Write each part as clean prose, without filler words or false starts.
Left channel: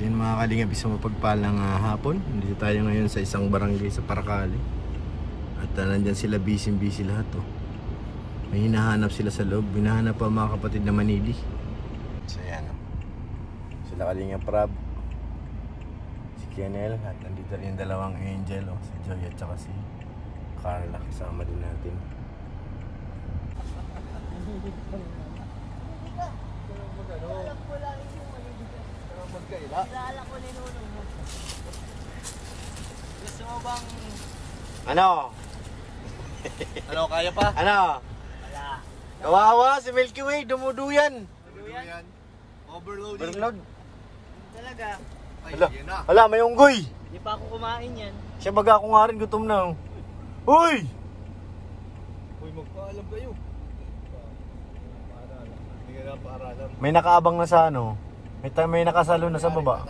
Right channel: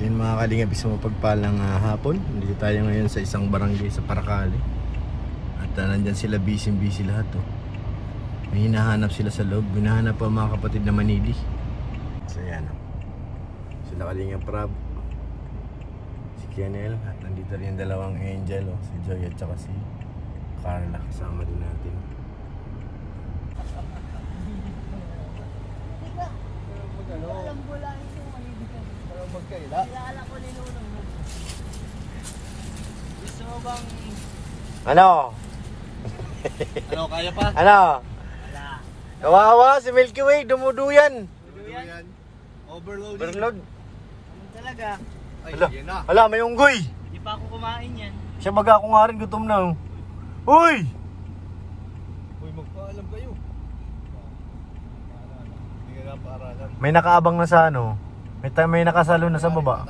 So yun mga kalingap, isang mapagpalang hapon. Dito tayo ngayon sa isang barangay sa Paracale. At nandyan sila, busy lahat oh. May hinahanap sila sa loob. Hinahanap pa mga kapatid na Manili. So yan oh. Sila Kalingap Rab, si Kianel, at nandito rin yung dalawang angel oh, si Joy at saka si Carla. Kasama din natin. Magkaila. Kilala ko ni Nuno mo. Gusto mo bang... Ano? Ano, kaya pa? Ano? Wala. Kawawa si Milky Way, dumuduyan. Dumuduyan? Overload. Ano talaga? Ay, yun na. Hala, may unggoy. Hindi pa ako kumain yan. Siya baga ako nga rin, gutom na oh. Uy! Uy, magpaalam kayo. May nakaabang na sa ano. May nakasalo na sa baba.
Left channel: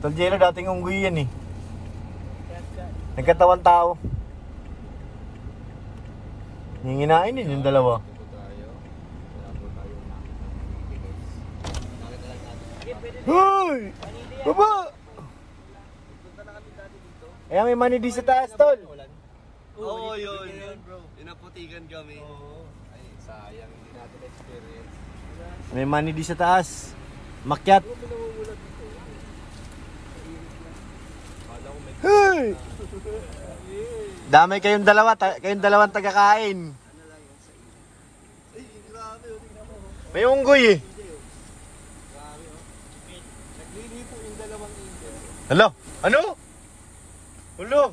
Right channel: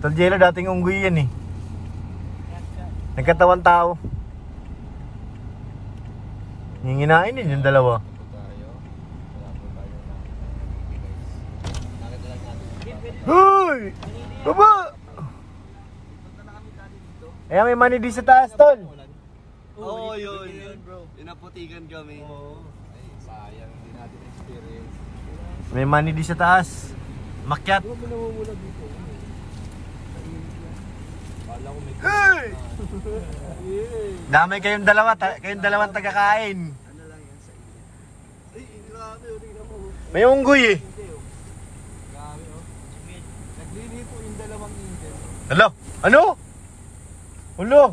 Taljelo, dating unggoy yan eh. Nagkatawan tao. Nginginain din yung dalawa. Hoy! Baba! Ayan, may Manili sa taas, tol. Oo, yun. Pinaputikan kami. Ay, sayang. Hindi natin experience. May Manili sa taas. Makyat. Hey! Damay kayong dalawang tagakain. May unggoy eh. Hello? Ano? Hello?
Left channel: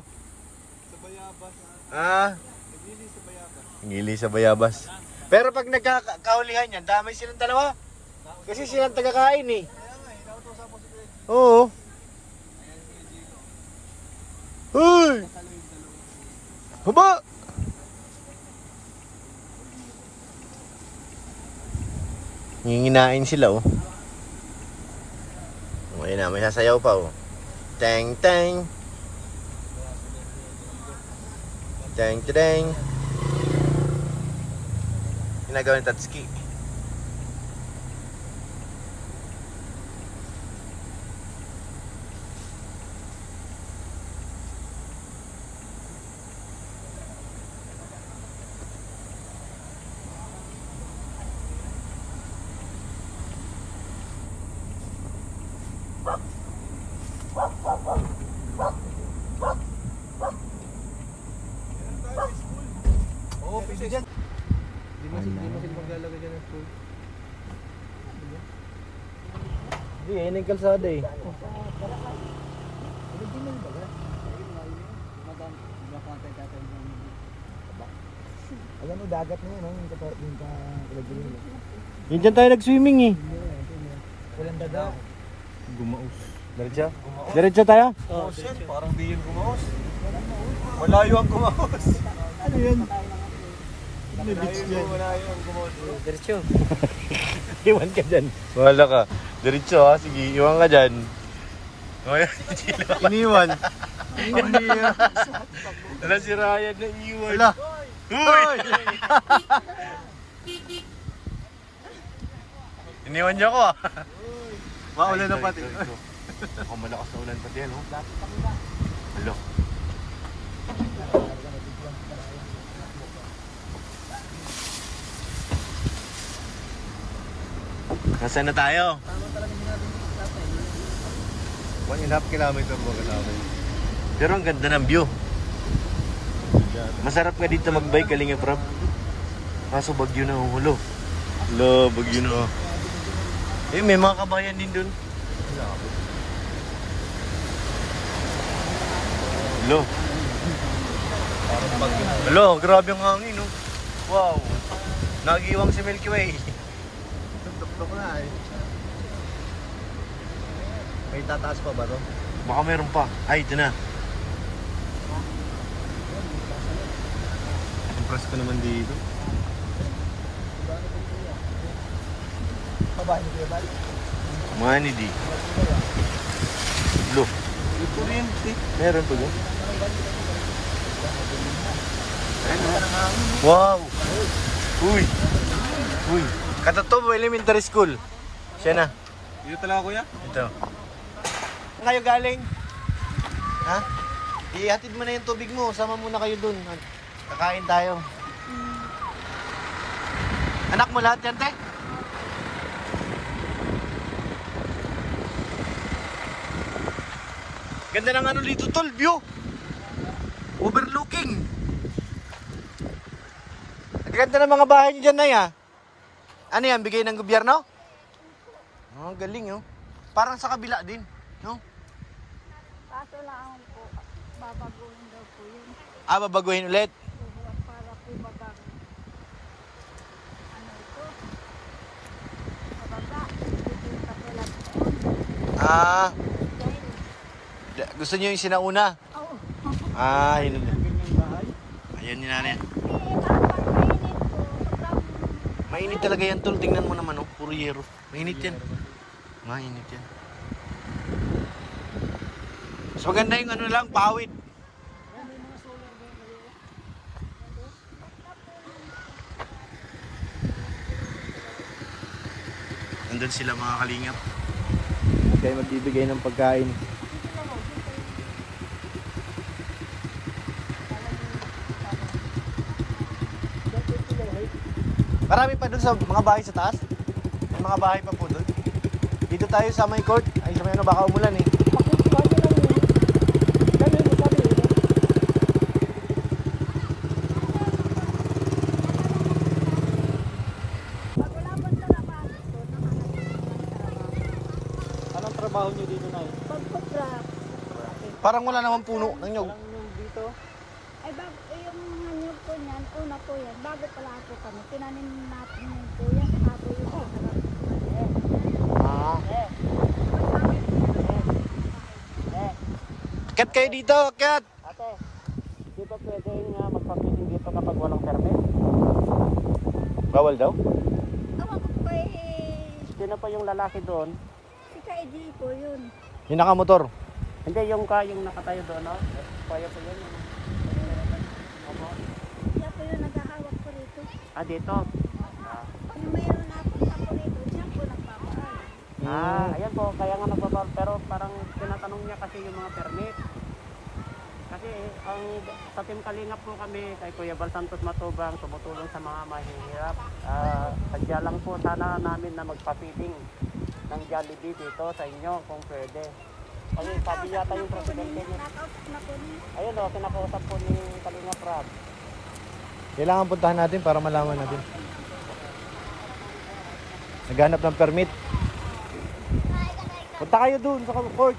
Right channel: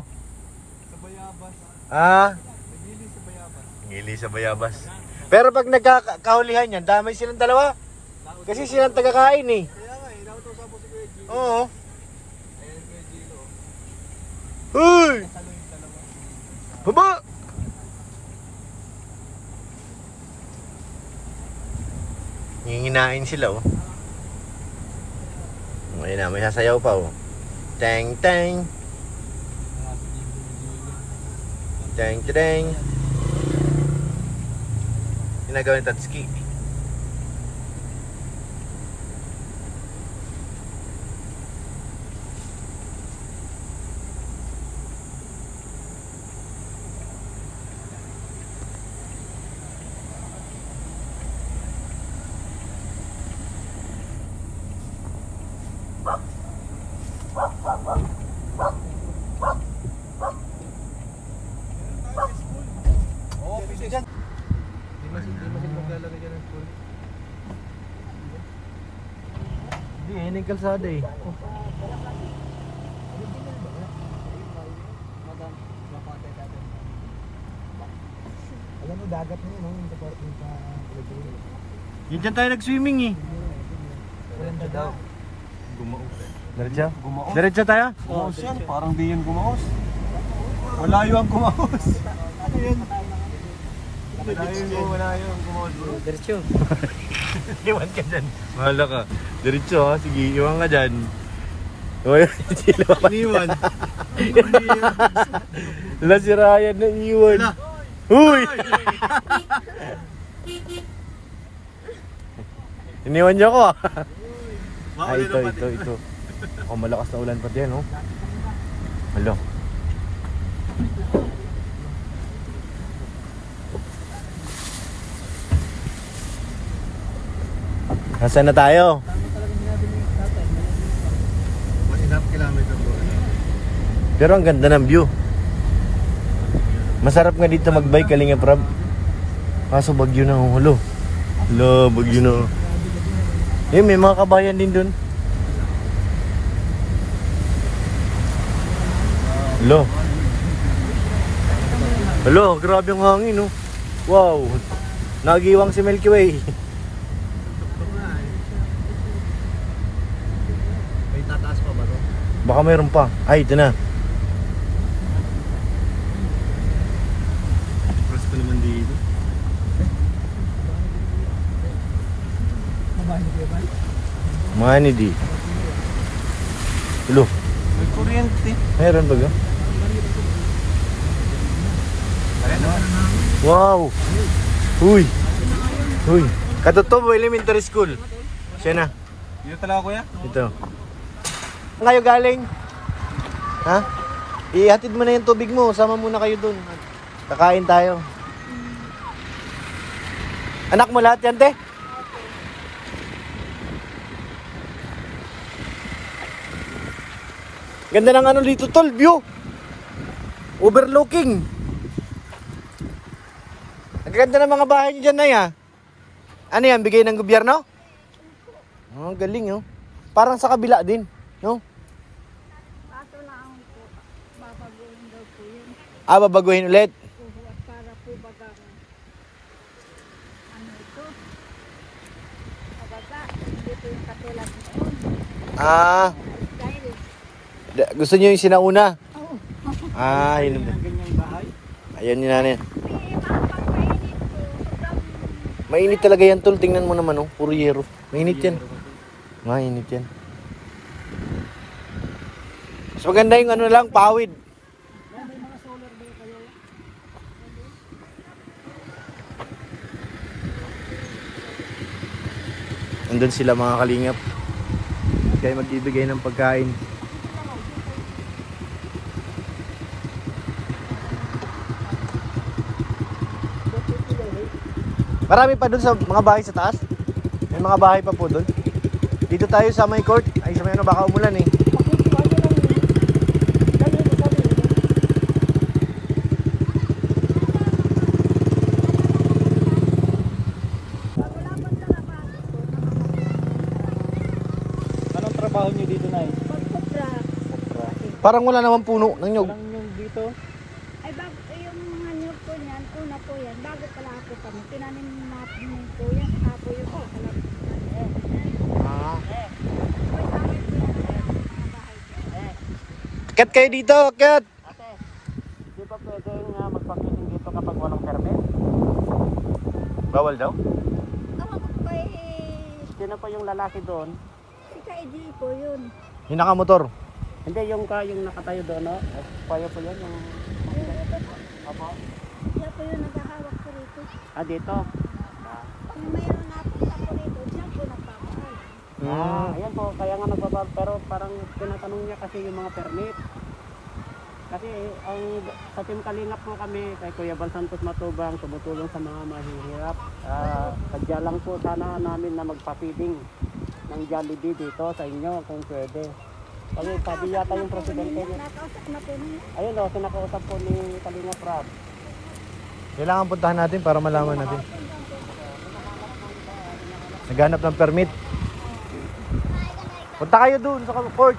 Ngili sa bayabas. Pero pag nagkakahulihan yan, damay silang dalawa. Kasi silang tagakain eh. Oo. Hoy! Baba! Nginginain sila oh. Ayun na, may sasayaw pa oh. Tang tang. Tang tang. Ginagawa ni Tatsuki. Oo, pwede dyan. Hindi, yan yung kalsada eh. Alam mo, dagat na yun. Yan dyan tayo nag-swimming eh. Diretso daw. Diretso? Diretso tayo? Oo, parang di yun gumaos. Malayo ang gumaos. Ano yun? Malayo ang gumaos. Diretso. Iwan ka dyan. Wala ka. Diretso ha. Sige, iwan ka dyan. Iniwan. Wala si Ryan na iwan. Huy! Iniwan niyo ako ah. Ay, ito. Ako malakas na ulan pati yan oh. Hello. Nasaan na tayo? 1.5 kilometer ba kailangan? Pero ang ganda ng view. Masarap nga dito mag-bike, Kalingap Rab. Kaso bagyo na hulo. Hello, bagyo na. Eh, may mga kabayan din dun. Hello. Hello, grabe ang hangin oh. Wow. Nagiwang si Milky Way. May tataas pa ba ito? Baka mayroon pa. Ay, ito na. Press ko naman dito. Babae mo kaya ba? Manili. Hello. Meron ba? Wow. Uy. Uy. Katutubo Elementary School. Siya na. Dito talaga kuya? Ito. Saan kayo galing? Ha? Ihatid mo na yung tubig mo. Sama muna kayo dun. Kakain tayo. Anak mo lahat yan, te? Ganda ng ano dito, tol. View. Overlooking. Ang ganda ng mga bahay dyan na ya. Ano yan? Bigay ng gobyerno? Oh, galing, oh. Parang sa kabila din, no? Ah, babaguhin ulit. Para po bagang ano ito? Bababa, hindi po yung katulad nito. Ah, gusto niyo yung sinauna? Oo. Ah, yun naman. Ganyang bahay. Ayan yun natin. Mainit. Mainit talaga yan, tol. Tingnan mo naman, oh. Puro yero. Mainit yan. Mainit yan. Mas maganda yung ano lang, pawid. Nandun sila mga kalingap. Kaya magbibigay ng pagkain. Marami pa dun sa mga bahay sa taas. May mga bahay pa po dun. Dito tayo sa may court. Ay, sa may ano, baka umulan eh. Anong trabaho niyo dito, Nay? Parang wala naman puno ng nyog. Parang yung dito. Ay, yung mga nyug po niyan, una po yan, bago pala po kami, tinanim natin po yan, saka po yung kakalap. Ah. Akyat kayo dito, akyat! Ate, di ba pwedeng magpapiling dito kapag walang permit? Bawal daw? Awa ko pa Sino pa yung lalaki doon? si Ka-EJ po yun. Yung nakamotor. Hindi, yung nakatayo doon, no? Siya po yung naghahawak po rito. Ah, dito. Pag mayroon na punta po rito, siya po nagpapaalam. Ayan po, kaya nga magbabag. Pero parang tinatanong niya kasi yung mga permit. Kasi sa Team Kalingap po kami, kay Kuya Bal Santos Matubang, tumutulong sa mga mahihirap. Sadya lang po sana namin na magpa-feeding ng Jollibee dito sa inyo kung pwede. Kasi sabi yata yung presidente. Nakausap na po ninyo. Ayun o, kinakausap po ni Kalingap Rap. Kailangan puntahan natin para malaman natin. Naghanap ng permit. Punta kayo dun sa court.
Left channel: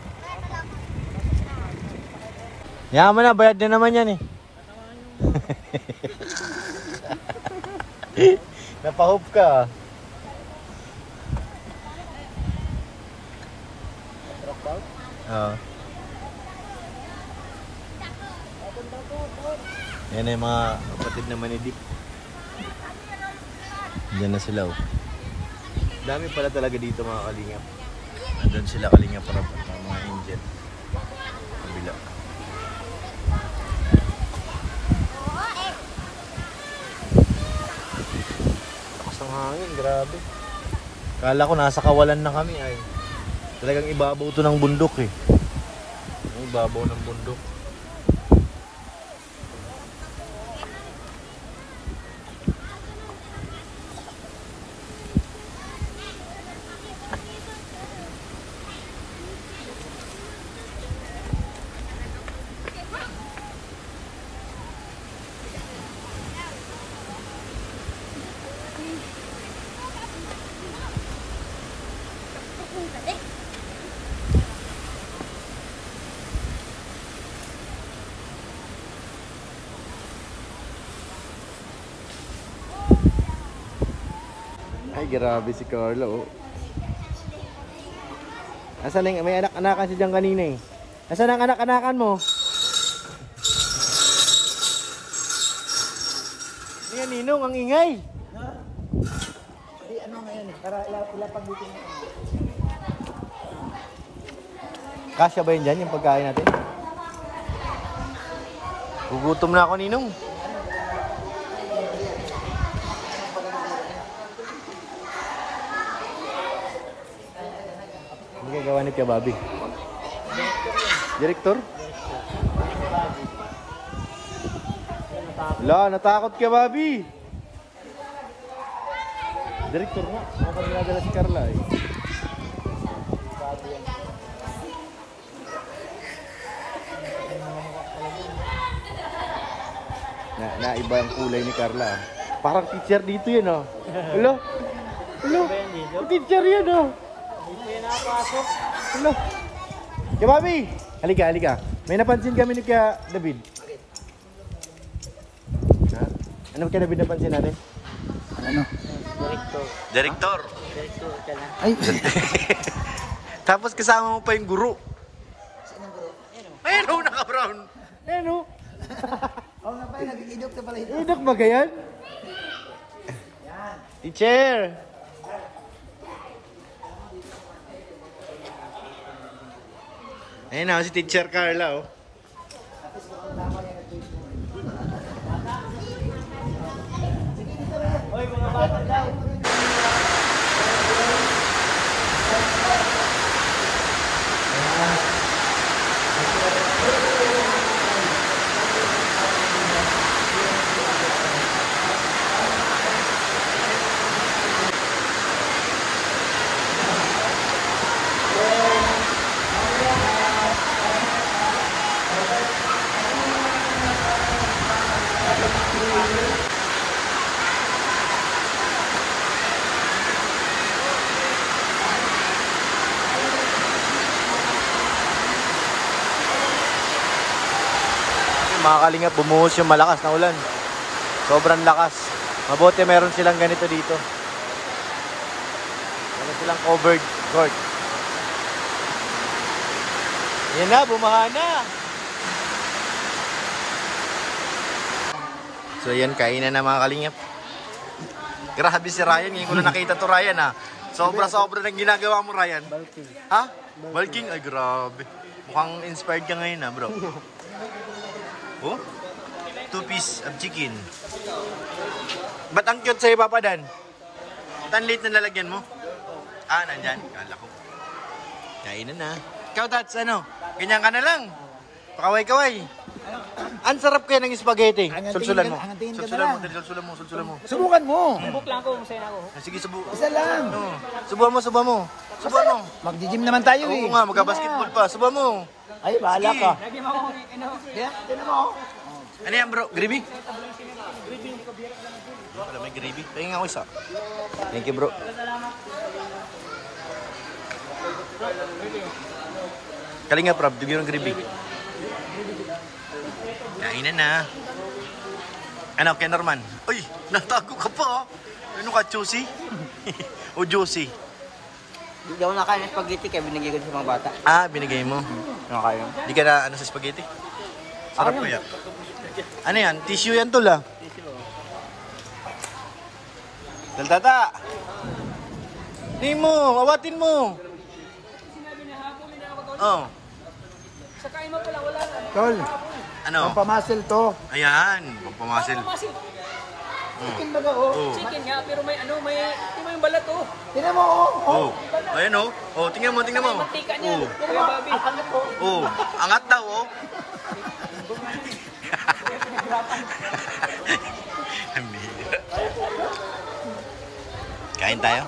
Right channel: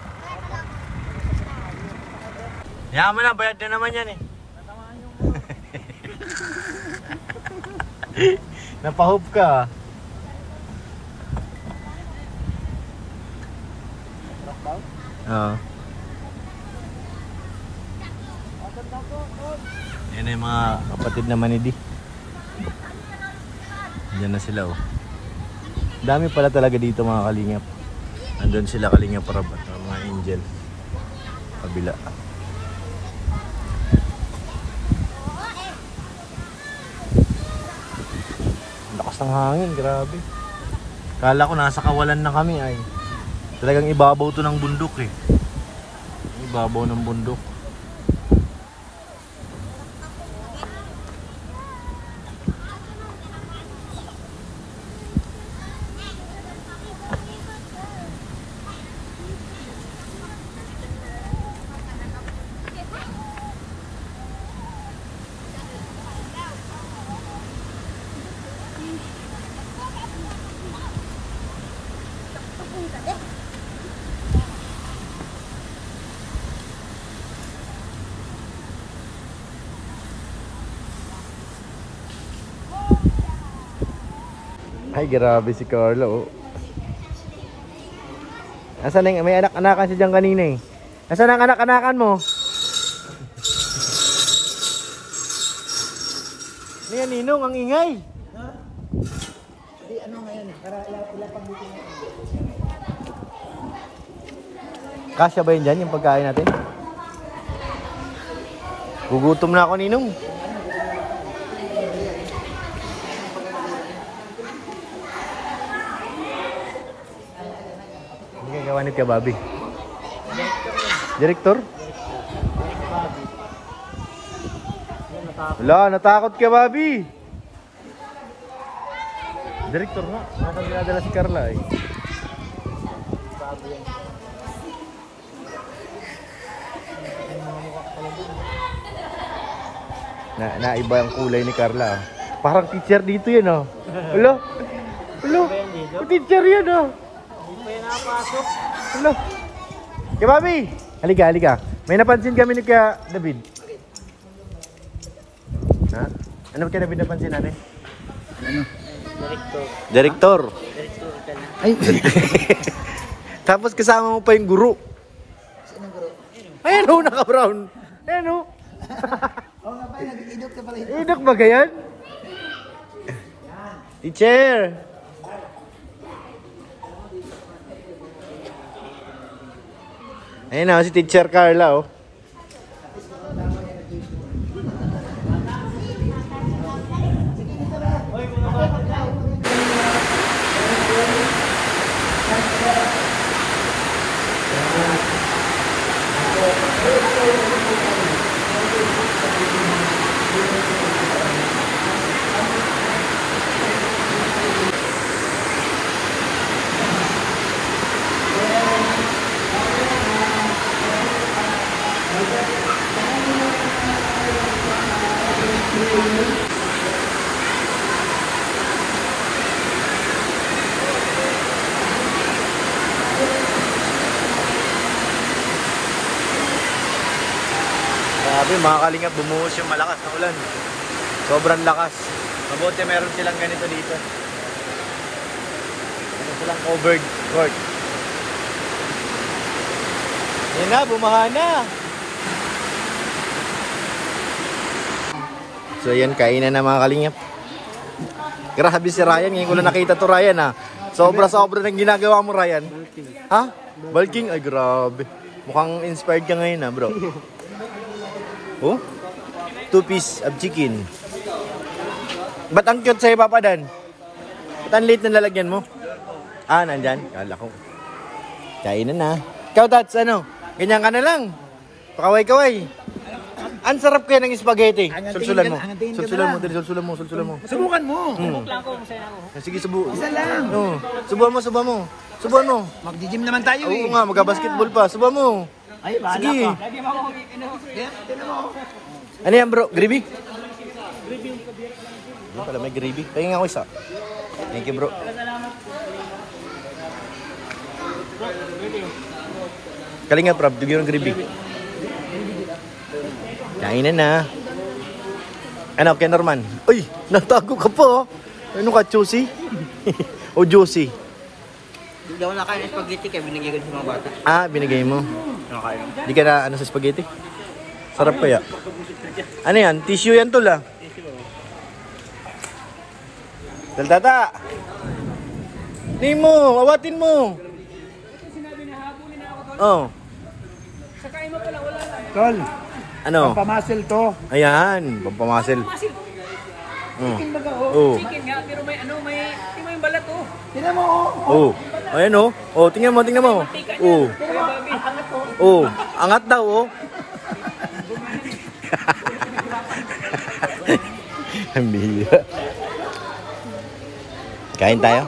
Yaman na, bayad na naman yan eh. Napahop ka. Drop down? Oo. Yan na yung mga kapatid naman ni Di. Diyan na sila oh. Dami pala talaga dito mga kalingap. Andun sila kalingap para mga angel. Kabila. Lakas ng hangin, grabe. Kala ko nasa kawalan na kami ay. Talagang ibabaw to ng bundok eh. Ibabaw ng bundok. Ay, grabe si Carlo. Oh. Asan na yung, may anak-anakan siya dyan kanina eh. Asan ang anak-anakan mo? Niyan, Ninong, ang ingay. Di ano ngayon eh, para ilapag dito na. Kasya ba yun dyan, yung pagkain natin? Gugutom na ako, Ninong. ginagawa ni Tia Bobby? Direktor? Wala, natakot Tia Bobby. Direktor nga, nakapagdadala si Carla eh. Naiba ang kulay ni Carla. Parang teacher dito yan oh. Hello? Hello? Teacher yan oh. Hello? Kaya Bobby! Halika, halika. May napansin kami ni Kaya David. Ha? Ano kaya David napansin natin? Ano? Direktor. Ay! Tapos kasama mo pa yung guru. Sinong guru? Ayan o, naka-brown. Ayan o. Oo nga pala, nag-idok ka pala ito. Idok ba ganyan? Teacher! Ayun na, si Teacher Carla oh. Grabe, mga kalingap, bumuhos yung malakas na ulan. Sobrang lakas. Mabuti meron silang ganito dito. Meron silang covered court. Yan na, bumaha na. So yan, kainan na mga kalingap. Grabe si Ryan, ngayon ko na nakita to Ryan ha. Sobra-sobra ng ginagawa mo Ryan. Ha? Bulking? Ay grabe. Mukhang inspired ka ngayon ha bro. Oh? 2 piece of chicken. Ba't ang cute sa'yo Papa Dan? Ba't ang late na lalagyan mo? Ah, nandyan? Kala ko. Kainan na. Ikaw Tats, ano? Ganyan ka na lang. Pakaway-kaway. Ang sarap kaya ng spaghetti. Sulsulan mo. Sulsulan mo, sulsulan mo, sulsulan mo. Subukan mo. Subuk lang ko, masaya ako. Sige, subu. Isa lang. No. Subuhan mo, subuhan mo. Subuhan mo. Mag-gym naman tayo eh. Oo nga, magka-basketball pa. Subuhan mo. Ay, bahala Sige. ka. Lagi mo akong Ano yan bro? Gravy? Hindi pala may gravy. Tingin nga ako isa. Thank you bro. Kalinga prab, bigyan ng gravy. Kainan na. Ano, kay Norman? Uy, natago ka pa. Ano ka, juicy? O juicy? Hindi ako nakain ng spaghetti kaya binigay ko sa mga bata. Ah, binigay mo. Nakain. Di ka na ano sa spaghetti? Sarap kaya. Ano yan? Tissue yan tol ah. Daltata! Nimo, awatin mo. Oh. Sakain mo pala, wala na. Tol, Ano? pampamuscle to. Ayan, pampamasil. Chicken baga oh. Oh. Chicken nga, pero may ano, may yung balat oh. Tingnan mo oh. Oh. Ayan oh. Oh, tingnan mo, tingnan mo. Oh. Ang angat ko. Oh, angat daw oh. Ang bihira. Kain tayo.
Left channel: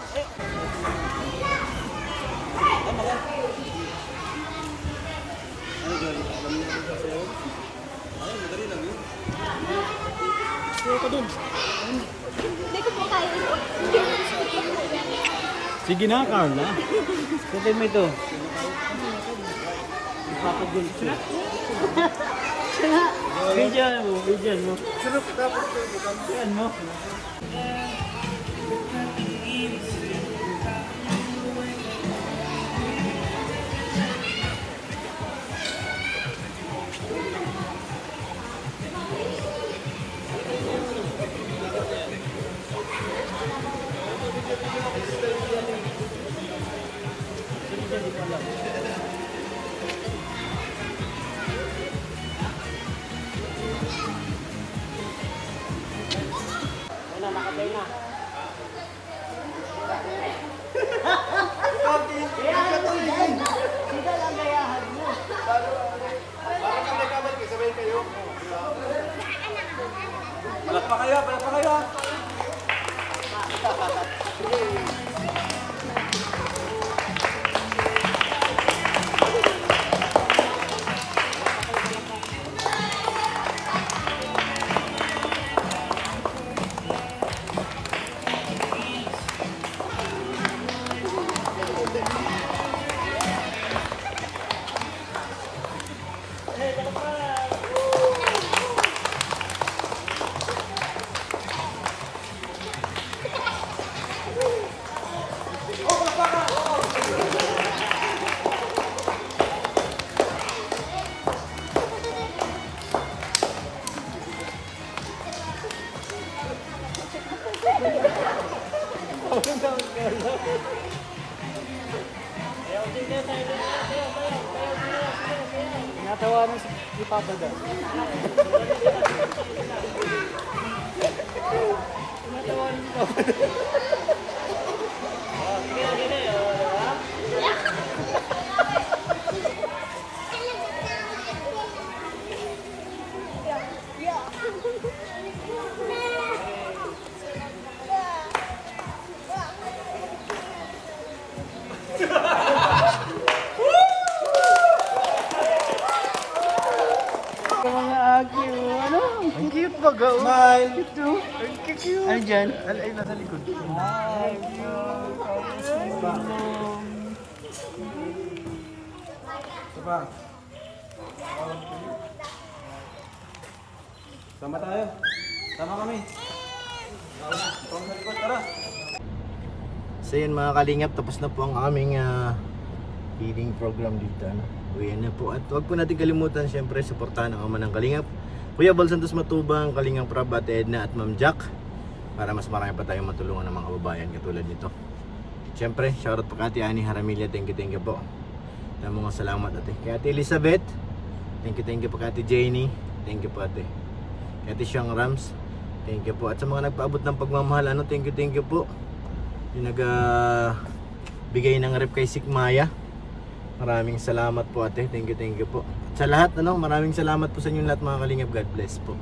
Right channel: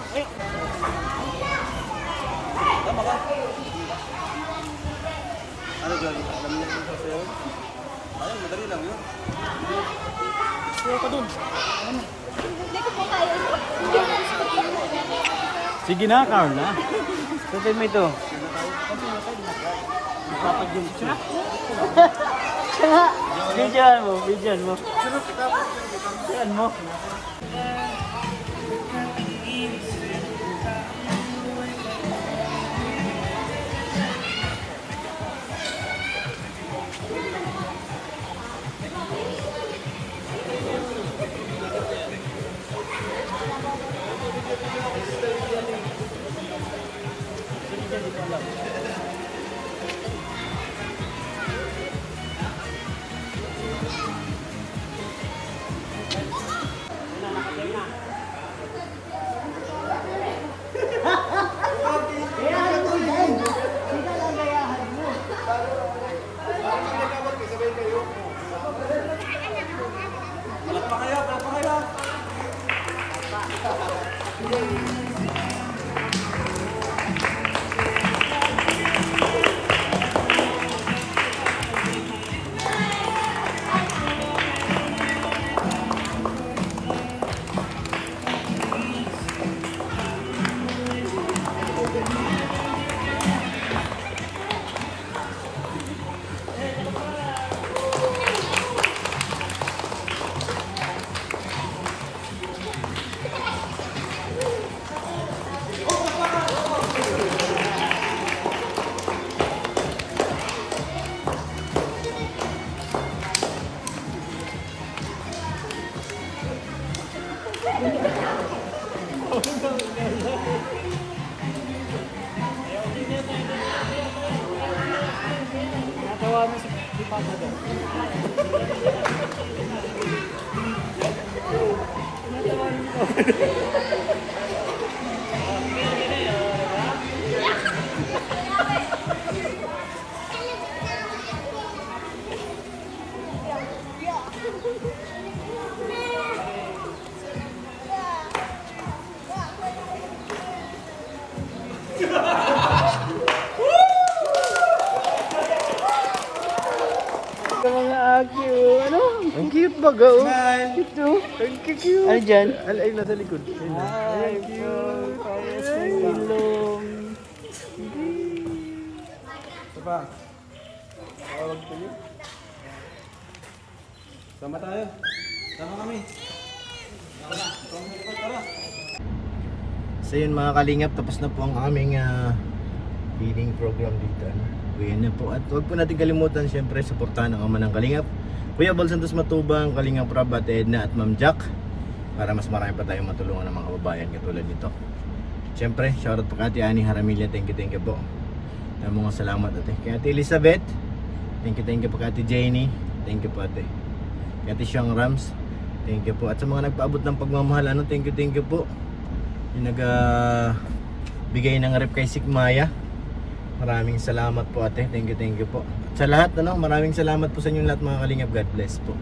Hindi ko po kaya ito. Sige na, Carla. Pwede mo ito. Papag-jump siya. Bidyan mo, bidyan mo. Bidyan mo. baso din. Mga agyo, ano? Ang cute mo, go. Smile. Thank you. Ano dyan? Ay, nasa likod. Apa? Sama tayo. Sama kami. Tara. So yun mga kalingap, tapos na po ang aming feeding program dito. Ano? Uwi na po. At huwag po natin kalimutan, syempre, suportahan ang ama ng Kalingap, Kuya Bal Santos Matubang, Kalingap Rab, Ate Edna at Ma'am Jack, para mas marami pa tayong matulungan ng mga kababayan katulad nito. Syempre, shoutout po kay Ate Ani Haramilla, thank you po. Mga salamat ate. Kay Ate Elizabeth, thank you po. Kay Ate Janie, thank you po ate. Kay Ate Siang Rams, thank you po. At sa mga nagpaabot ng pagmamahal, ano, thank you po. Yung bigay ng rep kay Sigmaya, maraming salamat po ate, thank you po. At sa lahat, ano, maraming salamat po sa inyo lahat mga Kalingap, God bless po.